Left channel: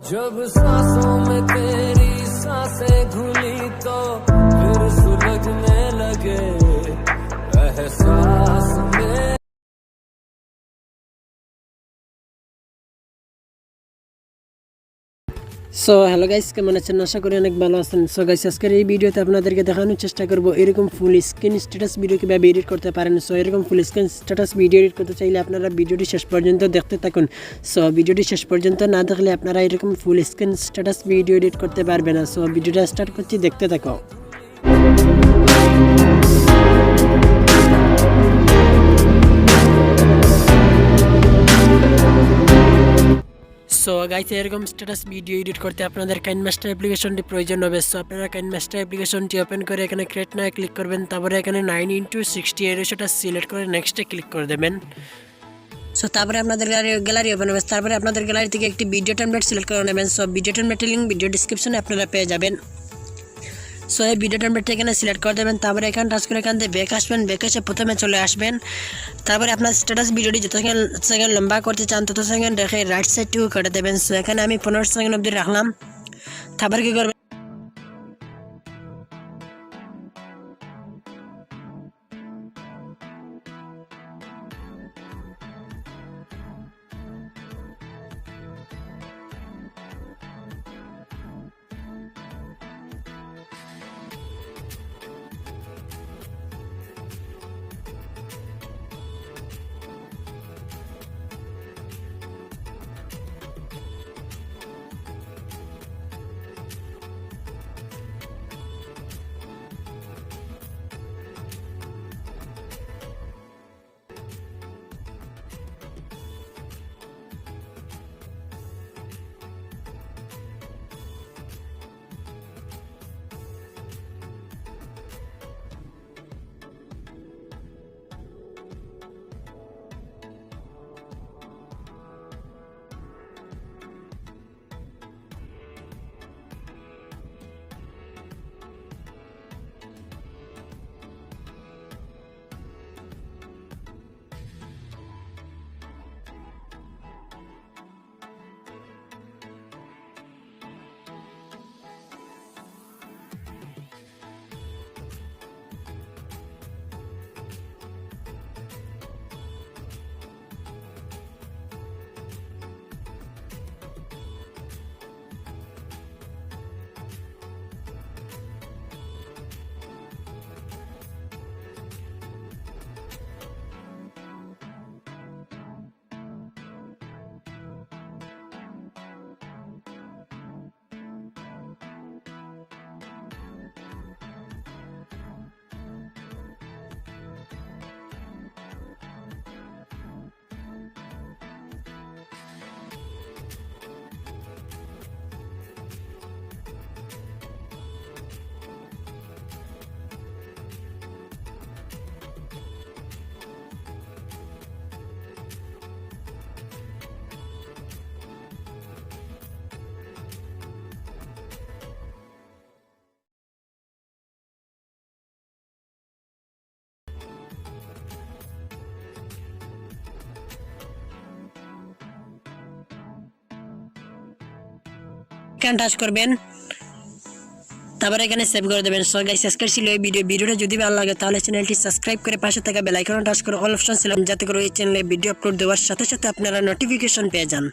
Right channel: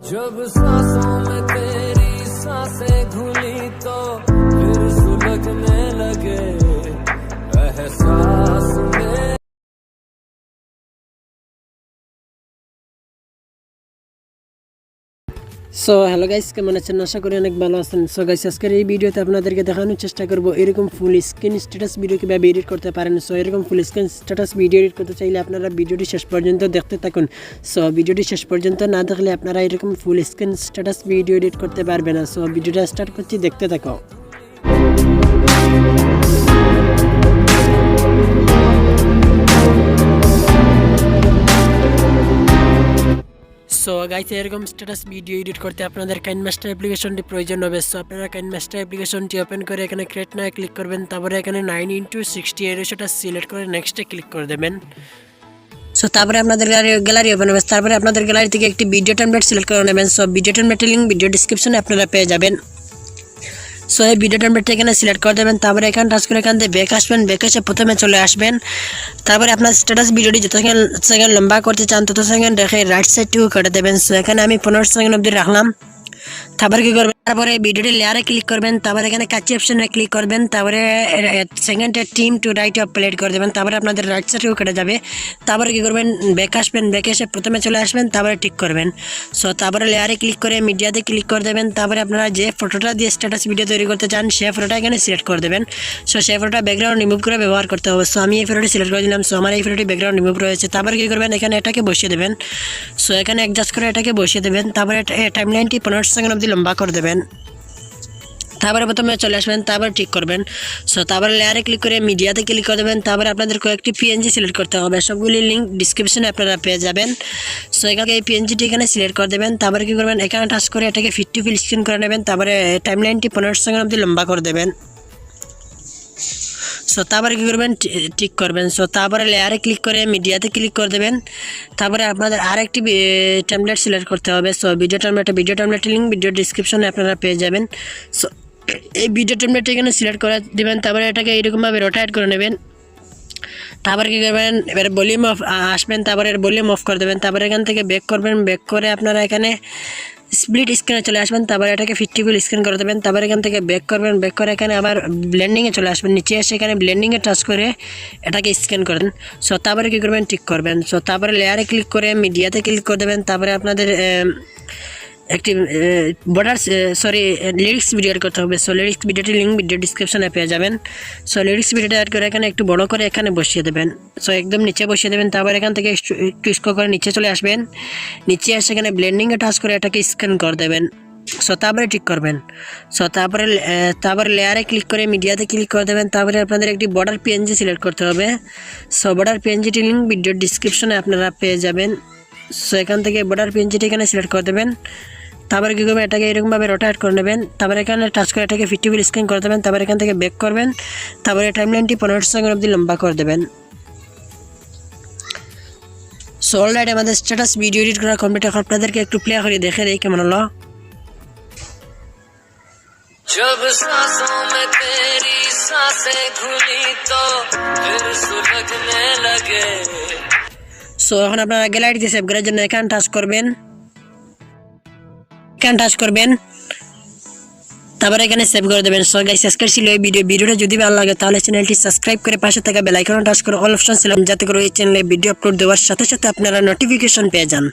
जब सांसों में तेरी सांसें घुली तो फिर सुलगने लगे एहसास में। সো হ্যালো গাইস, কেমন আছেন? আশা করি অনেক ভালো আছেন। সো গাইস, আজকের এই ভিডিওতে আপনাদেরকে দেখানোর চেষ্টা করব এরকম ফুল স্ক্রিন স্ট্যাটাস ভিডিও কীভাবে এডিট করতে পারেন। সো এরকম full screen status video edit করতে চাইলে আপনারা ভিডিওটি শেষ পর্যন্ত দেখতে থাকুন। সো ভিডিওটি শেষ পর্যন্ত না দেখলে আপনারা এরকম full screen status video edit করতে পারবেন না। সো ভিডিওটা স্টার্ট করছি, দেখতে থাকো। সো গাইস, এরকম স্ট্যাটাস ভিডিও এডিট করতে আপনাদের কাইনমাস্টার অ্যাপ্লিকেশনটি প্রয়োজন হবে। সো আপনারা কাইনমাস্টার অ্যাপ্লিকেশনটি ওপেন করে এখানে ক্রিয়েট নাও ক্লিক করবেন। তারপরে এখানে 9:60 এই রেশিওটা সিলেক্ট করে নেক্সটে ক্লিক করে দেবেন। সো তারপরে আপনাদের গ্যালারি ওপেন হবে। তারপরে আপনাদের গ্যালারি থেকে একটি ভিডিও টেমপ্লেট সিলেক্ট করে নেবেন। সো ভিডিও টেমপ্লেটের লিঙ্ক ভিডিও ডিসক্রিপশনে আপনারা পেয়ে যাবেন। সো এই ভিডিও টেমপ্লেটটা এখানে সিলেক্ট করে দেবেন। তারপরে এখানে টাচ করে এখান থেকে ব্যাক আসবেন। ব্যাক এসে প্রথমে চলে আসবেন। তারপরে আপনার স্ট্যাটাস ভিডিওটি যত সেকেন্ড লম্বা করতে চান তত সেকেন্ড রেখে রাইট সাইডটুকু কেটে দেবেন। সো এখানে আমি 15 সেকেন্ড অবধি রাখলাম। তারপরে কী করবেন, তারপরে ভিডিওটি লেয়ারে ক্লিক করবেন। তারপরে এখানে কাচি অপশনে ক্লিক করবেন। তারপরে সেকেন্ডে টিম টু রাইট প্লেট করে দেবেন। তারপরে আপনাদের রাইট সাইডেও কেটে যাবে। তারপরে কী করবেন, ব্যাক আসবেন। ব্যাক এসে প্রথমে চলে আসবেন। তারপরে ঠিক করবেন। সো তারপরে লেয়ারে ক্লিক করে মিডিয়াতে ক্লিক করে দেবেন। তারপরে আপনারা যে ফটোটা দিয়ে স্ট্যাটাস ভিডিও তৈরি করতে চান সেই ফটোটা এখানে সিলেক্ট করে দেবেন। সো সেই ফটোটা ব্যাকগ্রাউন্ড রিমুভ করে ব্যবহার করতে হবে। সো আমি এই ফটোটি সিলেক্ট করে দিলাম। সো আমার এই ফটোটি ব্যাকগ্রাউন্ড রিমুভ রয়েছে। তারপরে কী করবেন, এখানে এটাকে বসিয়ে দেবেন। সো এখানে অ্যাডজাস্ট করে এটাকে বসিয়ে দেবেন। তারপরে টাইমলাইনটি 15 সেকেন্ড অবধি লম্বা করে দেবেন। তারপরে প্রথমে চলে আসবেন। তারপর ঠিক করবেন। সো তারপরে লেয়ারে ক্লিক করে মিডিয়াতে ক্লিক করে দেবেন। তারপরে আপনাদের কয়েকটি পিএনজি সিলেক্ট করতে হবে। সবগুলি লিঙ্ক ডিসক্রিপশনে আপনারা পেয়ে যাবেন। সো এখানে এই পিএনজিটি এখানে সিলেক্ট করে দেবেন। তারপরে কী করবেন, এখানে টাচ করে এটাকে ফিট টু ফিল স্ক্রিন করে নেবেন। তারপরে টাইমলাইনটি 15 সেকেন্ড অবধি লম্বা করে দেবেন। সো তারপরে কী করবেন, ঠিক করবেন। সো তারপরে লেয়ারে ক্লিক করে মিডিয়াতে ক্লিক করে দেবেন। তারপরে আপনাদের আরেকটি টেমপ্লেট সিলেক্ট করতে হবে। সো ভিডিও টেমপ্লেটের লিঙ্ক ভিডিও ডিসক্রিপশনে আপনারা পেয়ে যাবেন। সো এই ভিডিও টেমপ্লেটটা এখানে সিলেক্ট করে দেবেন। তারপরে এটাকে এইরকমভাবে রোটেট করে নেবেন। তারপরে কী করবেন, এবার ভলিউম অফ আসবেন। তারপরে ভলিউম অফ করে দেবেন। তারপরে এখান থেকে ব্যাক করবেন। ব্যাক করে আপনারা এখানে স্প্লিট স্ক্রিনে চলে আসবেন। তারপরে এটাকে 50 ফুল স্ক্রিন করে দেবেন। তারপরে এখান থেকে ব্যাক করবেন। ব্যাক করে এখানে আবার ব্লেন্ডিংয়ে চলে আসবেন। নিচে এসে এখানে ব্লেন্ডিংয়ে টাচ করে এটাকে স্ক্যান করেন। সো তারপরে কী করবেন, ঠিক করবেন। সো তারপরে লেয়ারে ক্লিক করে মিডিয়াতে ক্লিক করে দেবেন। তারপরে আপনাদের একটি লিরিক্স ভিডিও অ্যাড করতে হবে। সো লিরিক্স ভিডিওটির লিঙ্ক ভিডিও ডিসক্রিপশনে পেয়ে যাবেন। সো লিরিক্স ভিডিওটা অ্যাড করে এখানে একটু বড় করে এখানে বসিয়ে দেবেন। সো একদম নিচে বসিয়ে দেবেন। তারপর এখান থেকে একটু স্ক্রল করে নিচে চলে আসবেন। নিচে এসে এখানে ব্লেন্ডিংয়ে টাচ করে এটাকে স্ক্যান করে দেবেন। সো তারপরে ঠিক করবেন। সো তারপরে লেয়ারে ক্লিক করে মিডিয়াতে ক্লিক করে দেবেন। তারপরে আপনাদের একটি বর্ডার পিএনজি সিলেক্ট করতে হবে। সো বর্ডার পিএনজিটির লিঙ্ক ভিডিও ডিসক্রিপশনে আপনারা পেয়ে যাবেন। সো এখান থেকে বর্ডার পিএনজিটি এখানে সিলেক্ট করে দেবেন। তারপরে কী করবেন, এটাকে এরকমভাবে রোটেট করে নেবেন। তারপরে এখানে টাচ করে এটাকে 50 ফুল স্ক্রিন করে দেবেন। তারপরে এখান থেকে ব্যাক করবেন। তারপরে টাইমলাইনটি 15 সেকেন্ড অবধি লম্বা করে দেবেন। সো অলরাইট আমাদের স্ট্যাটাস ভিডিও এডিট করা কমপ্লিট। এখন আপনাদেরকে একটু প্লে করে দেখে দেই কেমন হলো। जब सांसों में तेरी सांसें घुली तो फिर सुलगने लगे। সো এখন আপনারা গ্যালারিতে সেভ করার জন্য এখানে টাচ করবেন। তারপরে এখানে সেভ করে দেবেন। সো গাইস, আজকের ছিল এই ভিডিওটা যদি ভালো লাগে তাহলে চ্যানেলটি সাবস্ক্রাইব করে পাশে থাকা বেল আইকন টাচ করে অল অপশন সিলেক্ট, যাতে করে এই চ্যানেলে ভিডিও আপলোড দেওয়ার সাথে সাথে আপনারা নোটিফিকেশন পেয়ে যান।